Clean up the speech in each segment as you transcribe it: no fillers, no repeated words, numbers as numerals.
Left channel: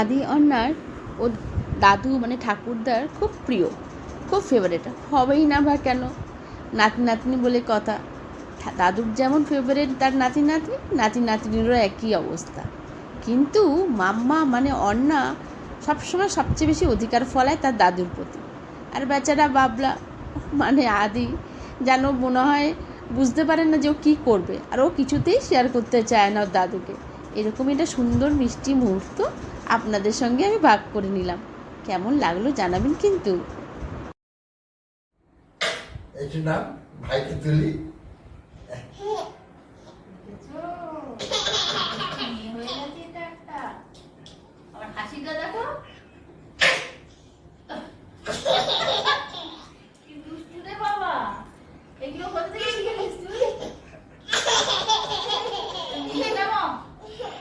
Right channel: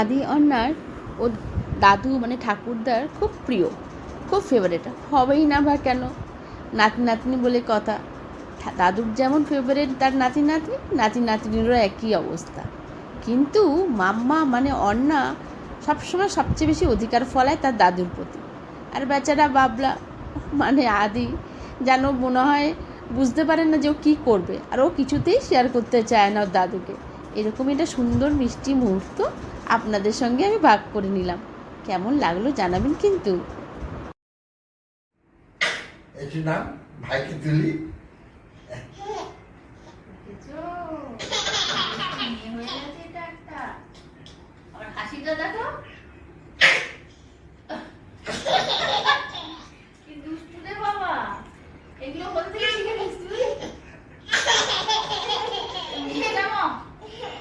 আদি অন্যার ও দাদু মানে ঠাকুরদার খুব প্রিয়, খুব ফেভারেট, হবেই না বা কেন, নাতি নাতনি বলে কথা। দাদুর যেমন ফেভারেট তার নাতি নাতনি, নাতি নাতনিরও একই অবস্থা। কিন্তু মাম্মা মানে অন্না সবসময় সবচেয়ে বেশি অধিকার ফলায় তার দাদুর প্রতি। আর বেচারা বাবলা মানে আদি যেন মনে হয় বুঝতে পারে না যে ও কী করবে, আর ও কিছুতেই শেয়ার করতে চায় না ওর দাদুকে। এরকমই একটা সুন্দর মিষ্টি মুহূর্ত আপনাদের সঙ্গে আমি ভাগ করে নিলাম। কেমন লাগলো জানাবেন কিন্তু। এটির নাম ভাইকে তুলি। হাসিটা দেখো, কি দুষ্টু রে বাবা, এগুলো কোথা থেকে শিখে নিস তুই?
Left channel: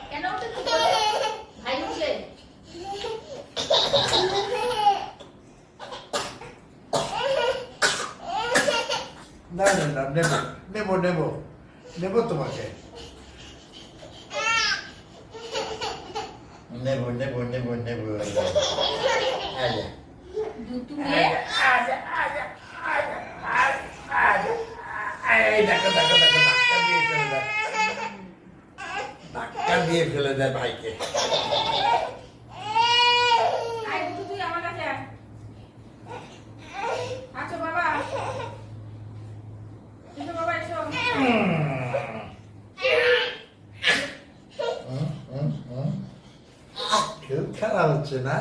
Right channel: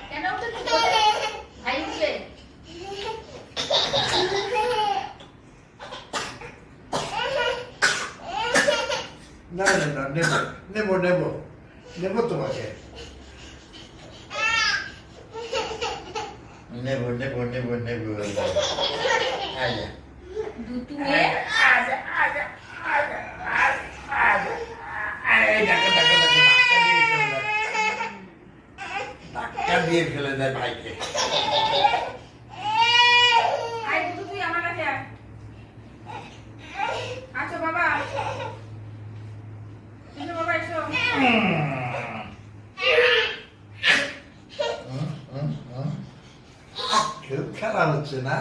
কেন ভাই উঠলে না না না, নেবো নেবো নেবো নেবো তোমাকে, নেবো নেবো নেবো নেবো। আচ্ছা দুধ নিয়ে ধাক্কা দিয়ে ফেলে দেয় ভাইকে। তুই আমার কাছে আচ্ছা বাবা, বাবা এসো। খুব খারাপ হচ্ছে না?